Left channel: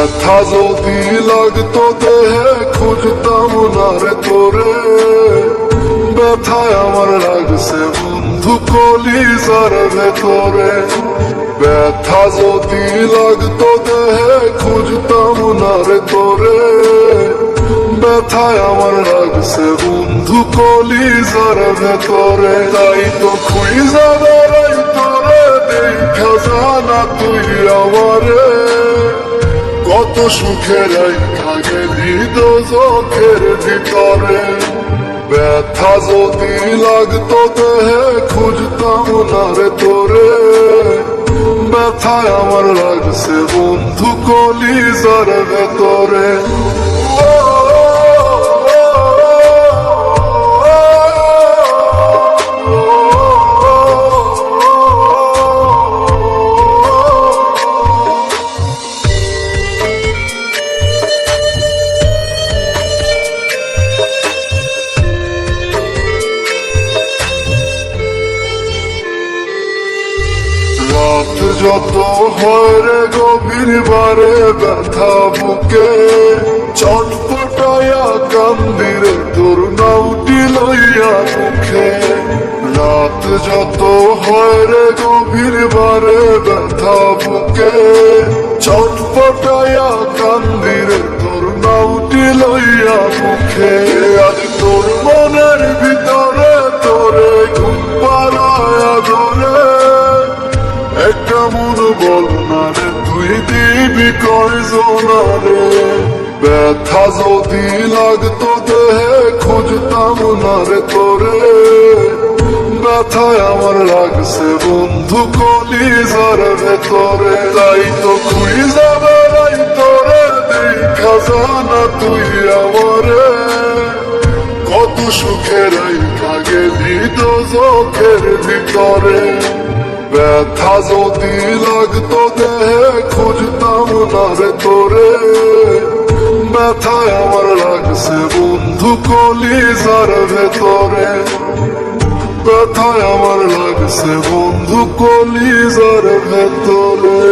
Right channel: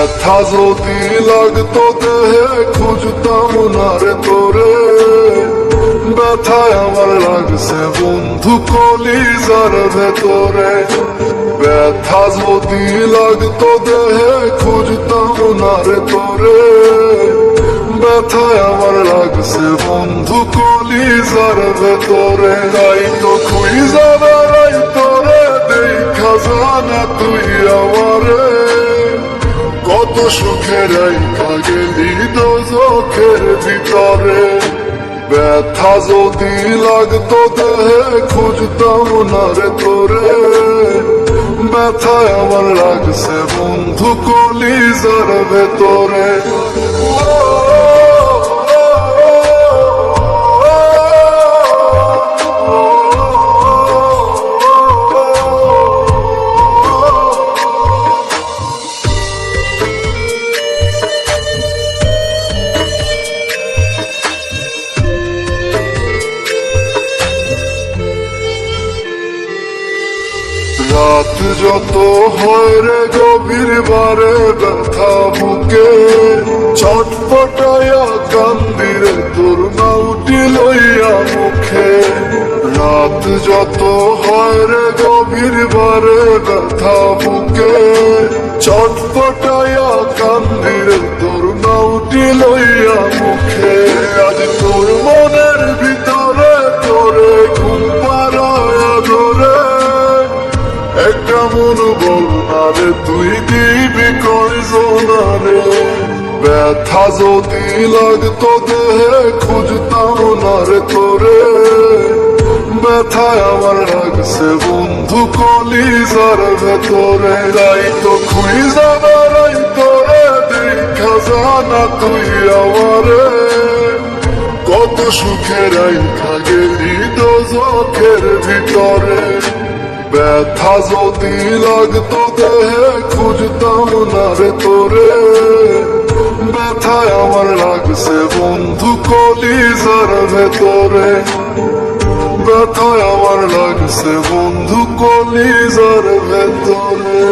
ব্যথা যদি লাগতো দেহে খুঁজতাম না রে তোরে, ব্যথায় আমার লাগছে বন্ধু কলিজার ভেতরে। ব্যথা যদি লাগতো দেহে খুঁজতাম না রে তোরে, ব্যথায় আমার লাগছে বন্ধু কলিজার ভেতরে। তাই তো খুঁজা বেড়াই তোরে দেখা জানা তুই আমারে, কত সুখে রাইখা গেলি দোজখের ভিতরে। ব্যথা যদি লাগতো দেহে খুঁজতাম না রে তোরে, ব্যথায় আমার লাগছে বন্ধু কলিজার ভেতরে। রাত যত হরে গভীর বারে ব্যথা বুকে, ছটপটায়া কান্দির তোর নামটি লইয়া মুখে। রাত যত হরে গভীর বারে ব্যথা বুকে, ছটপটায়া কান্দির তোর নামটি লইয়া মুখে। আজ তোর মনের ভিতরে তোরে ঘুম পাড়ায়া ধরে, একটা মন বলনা রে তুই দিবি কয়জনা রে। ব্যথা যদি লাগতো দেহে খুঁজতাম না রে তোরে, ব্যথায় আমার লাগছে বন্ধু কলিজার ভেতরে। তাই তো খুঁজা বেড়াই তোরে দেখা জানা তুই আমারে, কত সুখে রাইখা গেলি দোজখের ভিতরে। ব্যথা যদি লাগতো দেহে খুঁজতাম না রে তোরে, ব্যথায় আমার লাগছে বন্ধু কলিজার ভেতরে। ব্যথায় আমার লাগছে বন্ধু কলিজার ভেতরে।